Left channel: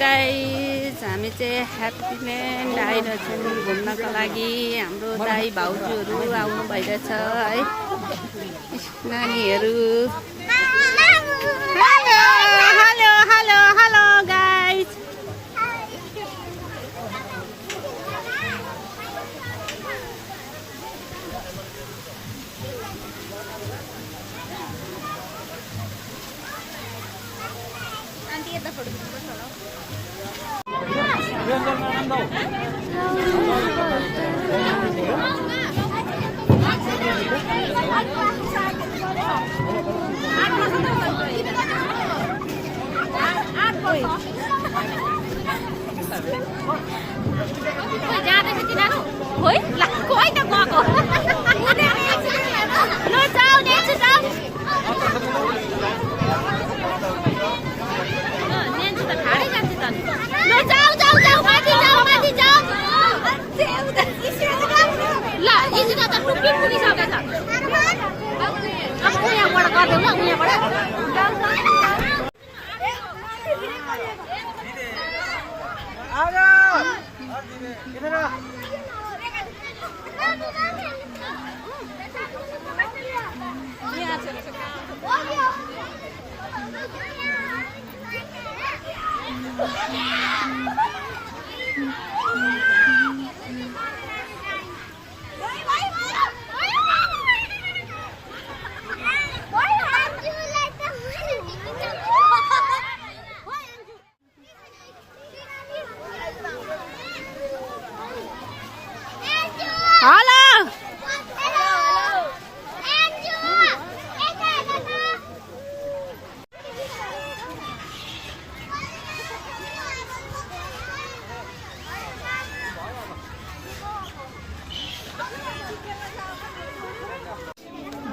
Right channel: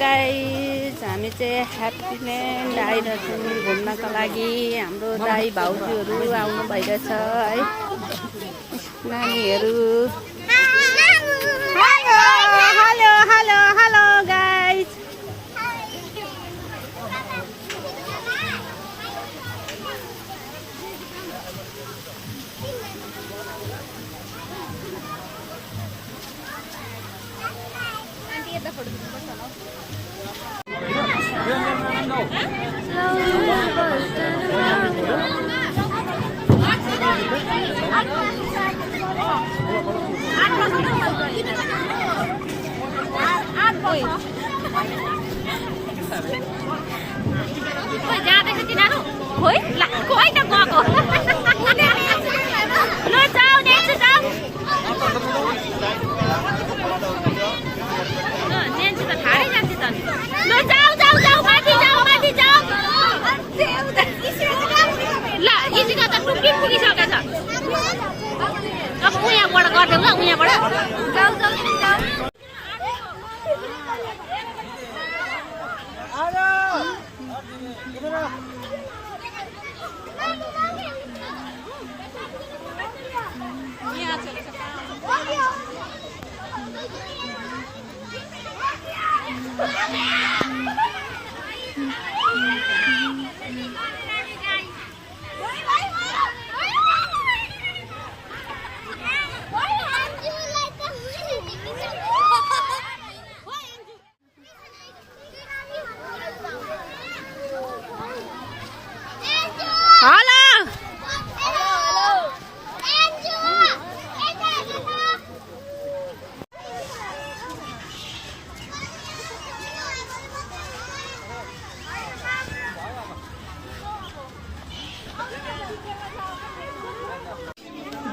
Guys, हामी चाहिँ ह्याप्पील्यान्ड आइरहेछौँ घुम्नको लागि। हाम्रो दाइ भाउजूहरू आउनु भइरहेछ है, नानीहरू। Hello hello hello hello guys.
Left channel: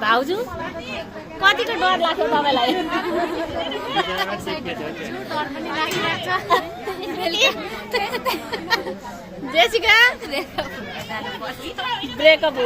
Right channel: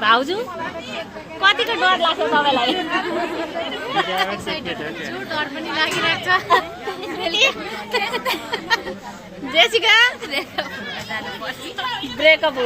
भाउजू कतिको डर लाग्छ तपाईलाई? डर पनि लागिरहेछ। Jessica breakup